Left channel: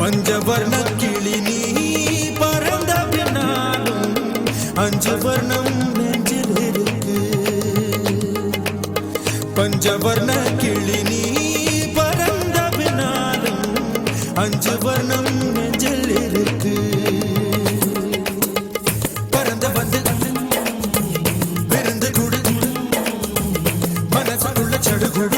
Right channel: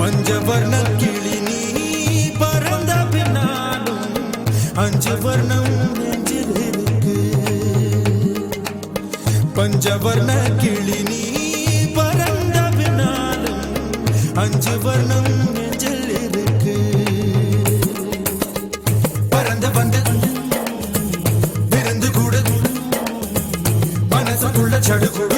பஞ்சவர்ண கிளி நீ பறந்த பின்னாலும் 5 வர்ணம் நெஞ்சில் இருக்கு. பஞ்சவர்ண கிளி நீ பறந்த பின்னாலும் 5 வர்ணம் நெஞ்சில் இருக்கு. பறந்து வந்து விருந்து கொடு மனசுக்குள்ள சடுகுடு